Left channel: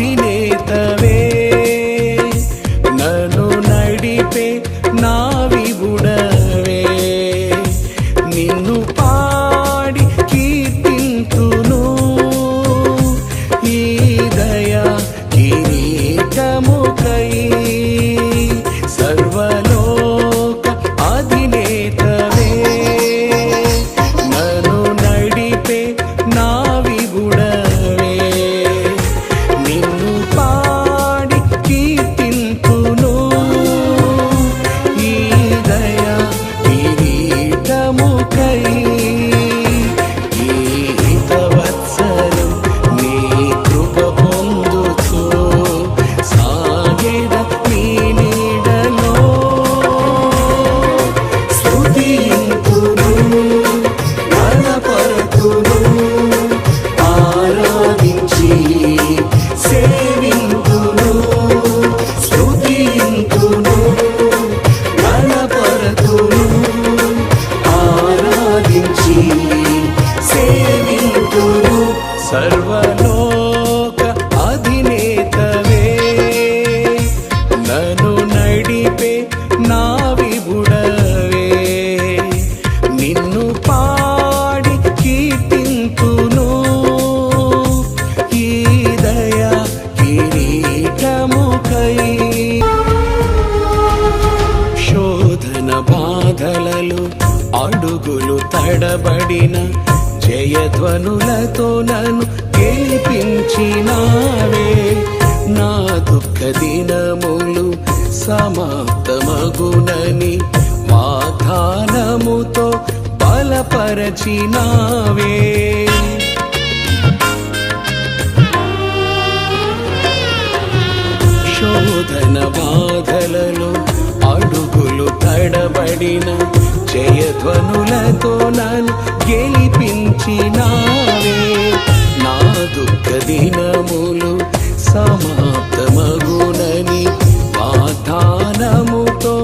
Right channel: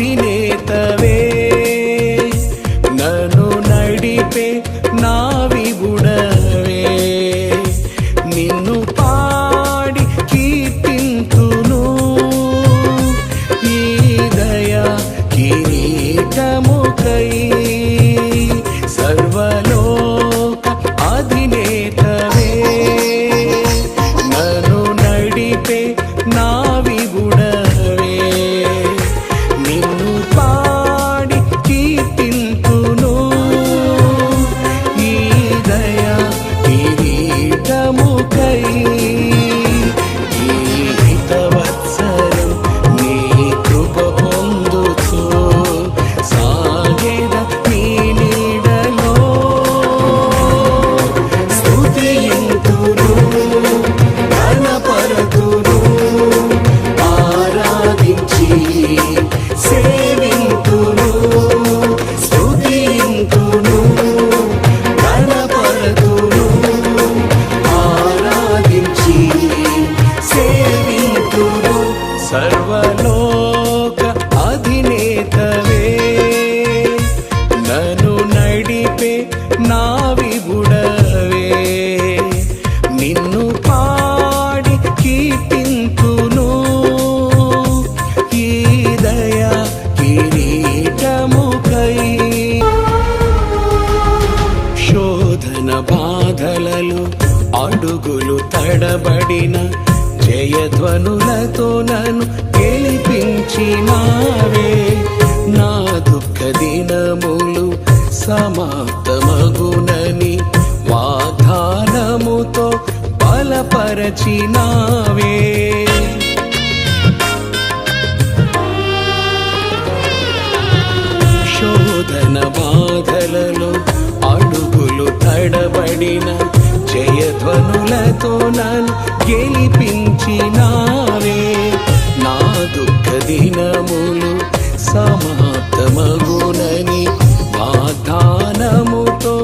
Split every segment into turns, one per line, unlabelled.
అధినేతవే. నను నడిపే నా విబుడవే నిన్ను పాడి కీర్తింతును. ఈ దయా కిరీటముకై సర్వలోక అధినేతవే. నను నడిపే నా స్తుతింతును గణపరతును ఆరాధించి సేవింతును స్తుతింతును గణపరతును ఆరాధించి సేవింతును సర్వలోక అధినేతవే నన్ను నడిపే నా విబుడవే మన బాధలలో అడుగులు తడబడిన జయధ్వనులతో నన్ను గెలిపించినావే. నా దుఃఖ దినములు సమాప్తమగునని వాగ్దానముతో బలపరచినావే. శోధన బాధలలో అడుగులు తడబడిన జయధ్వనులతో నన్ను గెలిపించినావే. నా దుఃఖ దినములు సమాప్తమగునని వాగ్దానముతో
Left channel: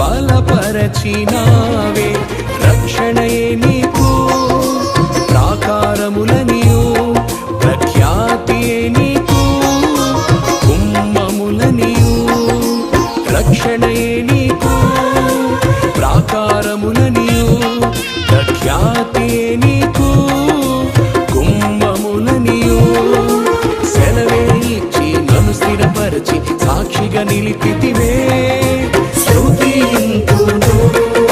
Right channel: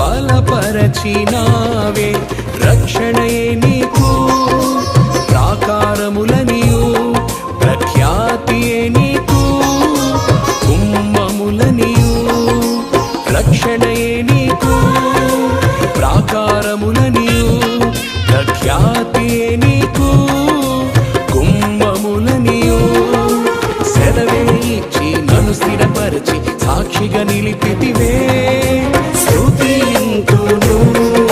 బలపరచినావే. రక్షణయే నీకు ప్రాకారముల రక్షణయే నీకు ప్రాకారములనియు ప్రఖ్యాతియే నీకు కుంభములనియు సెలవే ఇచ్చి నన్ను స్థిరపరచి సాక్షిగా నిలిపితివే. స్తుతింతును